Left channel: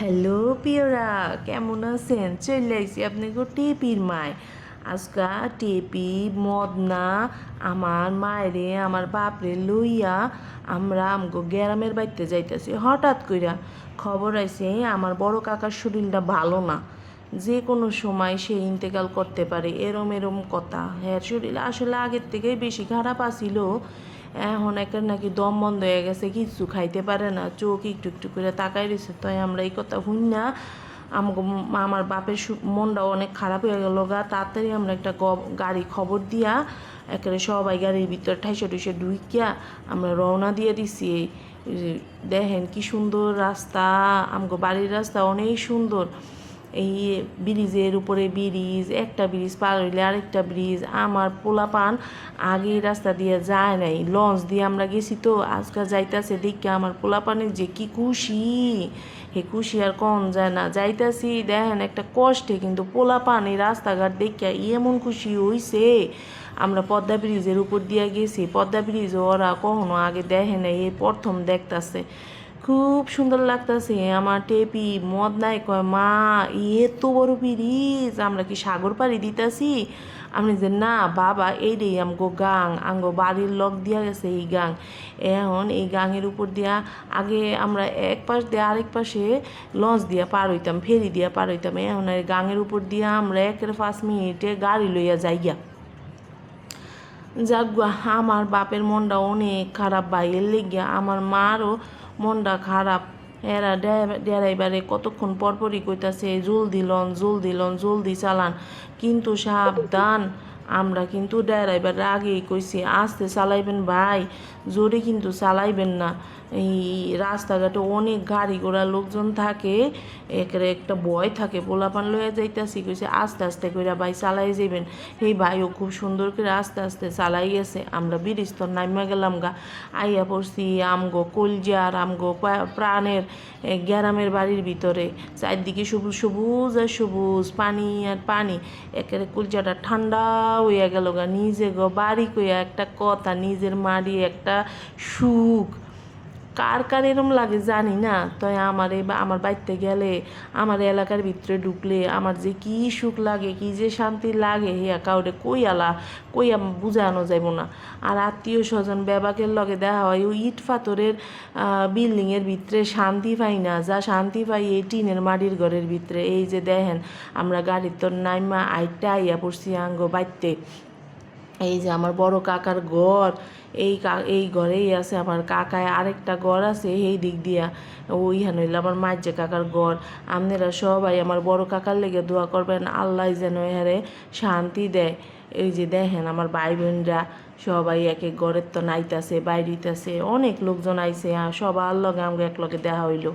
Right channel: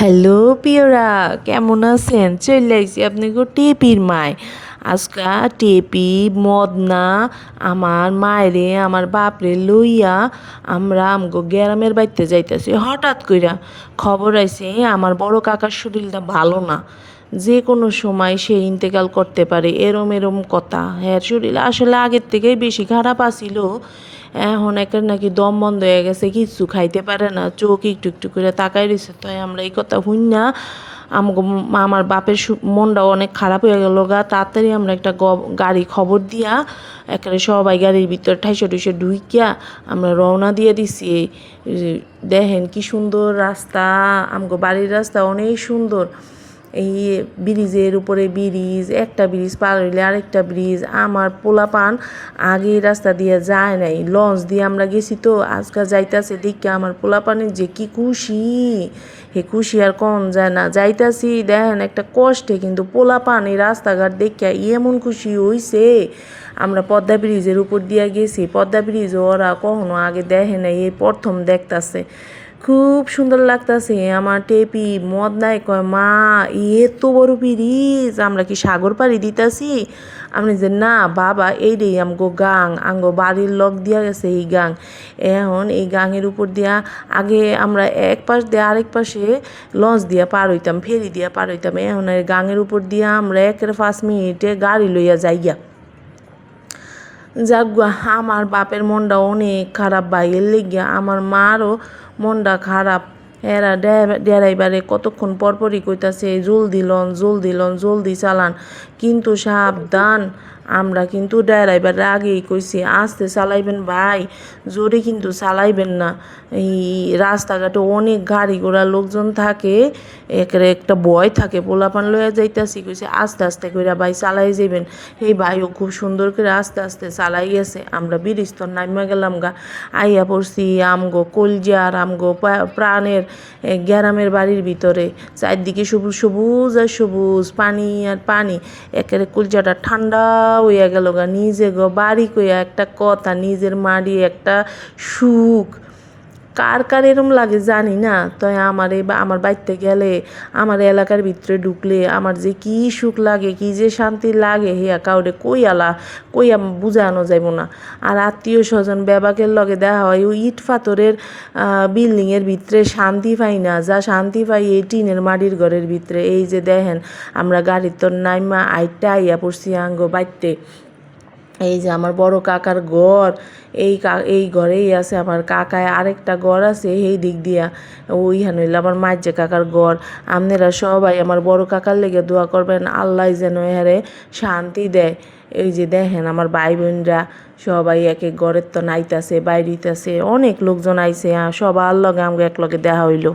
Hello পিওরা, কেমন আছেন? চলে আইসি আপনি গো টেপির মায়। আজকা টেপি মদনা আমার মায়েরে আমার বাপরে লইয়া আমরা আমগো গ্রামের বাড়িতে যাইতেছি। হঠাৎ কইরা খবর আইছে আমার বড় কাকার শরীরটা ভালো না, যে কোনো সময় সে ইন্তেকাল করতে পারে, এরম এরম কথা। হ্যাঁ, শরীর আসলে আগের থেকেই বেশি খারাপ আছিল। এখন একের নাকি দম বন্ধ হয়ে গেছে, কিছু খাইতে পারে না, চোখ একটু একটু করে তাকাই রয়েছে। তাই আমরা এই কথা শুন না আমার বাপের মনটাও অনেক খারাপ হয়ে গেল গা। তাড়াতাড়ি আমরা একটা গাড়ি খবর দিয়া একেবারে সবাই গাড়ির ভিতর ঠাইসে টুইসে ঢুইকিয়া আমরা রওনা দিয়ে দিছি। দেখেন কি সুন্দর রাস্তা, আমগো বাড়ির রাস্তা অনেক সুন্দর। এই ব্রিজের উপরে ব্রিজ, একটা ব্রিজ পার হইলে আরেকটা ব্রিজ। আমার পোলাপান আগে রাস্তা দিয়ে যায় নাই, লঞ্চ দিয়ে আমরা গেছি। তো আজকাল যাইতাছে দেখে আমার পোলাপানের যে কি খুশি, হে খুশি আর কম যায় না। যাইতাছি দেখেন একটা কষ্টে, কিন্তু পোলাপান এই রাস্তাঘাট দেখে এমন খুশি হইছে। আমরা পদ্মা ব্রিজের উপর দিয়ে গেছি, পদ্মা ব্রিজ ওরা কখনো আগে দেখে নাই, এই প্রথম দেখতাছে। খুব সুন্দর লাগতাছে। আমার টেপি মদনায় কয়, মা এত বড় ব্রিজ, আমরা কি সাগর পাড়ি দিতাছি? আমি যে না বাবা, এইটাই আমগো গাং, আমগো বাড়ির লগ দিয়া গেছে এই গাং। এখন এই গাঙের উপর দিয়া আগে আমরা এক পাশ দিয়ে আরেক পাশে লঞ্চ দিয়া পার হইতাম, ফেরি দিয়া পার হইতাম। এখন এই গাঙের উপর দিয়া আমরা 1-5 মিনিটে গাড়ি লইয়া যাইয়া। যাক গা, আমার বাপের মনটা অনেক খারাপ ভাইয়ের লেগিয়া, আমার মারও মনটা খারাপ। এরা ড্রাইভারে কতক্ষণ পরপরই কইতাছে জলদি লন জলদি লন জলদি চালান, কিন্তু সাবধান। আমরা কিন্তু ড্রাইভারের আগেই কইছি আস্তে চালাইবেন ভাই, জোরে কিন্তু চালাইবেন না। এই রাস্তাঘাটে অনেক গাড়ি ঘোড়া লোকজন থাকে, একটা ভয় থাকে। পোলাপান লইয়া যাইতাছি, কইছে আস্তে আস্তে কইরা ভাই চালাই যাইবেন। এই ভাইও খুব সুন্দর করে আস্তে আস্তে চালাই গেছে। আমরা বিরিস্তর নাইমা গেলাম গা, আইয়া পড়ছি আমগো কলজার আমগো প্রাণের গ্রামের বাড়ির ভিতরে। চারদিকে সবুজ সবুজ আর সবুজ, পানি আর পানি, একেবারে কলজাটা ঠান্ডা হইয়া গেল গা। নিজে গো বাড়ি কইয়া একটা কথা, নিজের মাড়ি একটা সুখ। কার কার এরম লাগে জানি না, তাই আমার বাড়িতে গেলে, আমার এলাকার ভিতরে ঢুকলে আমার যে কি সুখ লাগে, কি যে শান্তি লাগে, হিয়া কাউরে কইয়া বুঝানো যাইব না। আর আত্মীয় স্বজন বেবাকের লগে দেখা হয় ওই ইট পাথরের বিল্ডিংয়ের ভিতরে শান্তি পাই না, যা শান্তি পাই এই টিনের মাটির ঘরের ভিতরে। এই যে দেখেন আমরা গাড়ির তোর নাইমা আইটা আইয়া পড়ছি আঙ্গো বাইতে। এই যে আমার বড় কাকার ঘর, এই ঘরেই আছে আমার কাকায়, আরেকটা ঘর আছে এই দিক দিয়া, ওইখানে হইলো আমার মায়ের যে কাকার ঘর। আপনারা সবাই আমার বড় কাকার লেগে দোয়া করবেন, আল্লাহ যেন এহারে শান্তি দেয়। এই যে দেখেন আমার ভাই বোনরা সবাই এক এক ঘরের তো নাইতাছে, বাইরিতাছে, অনেক লোকজন আইছে, সবার লগে আমাকে এক লগে দেখা হইলো।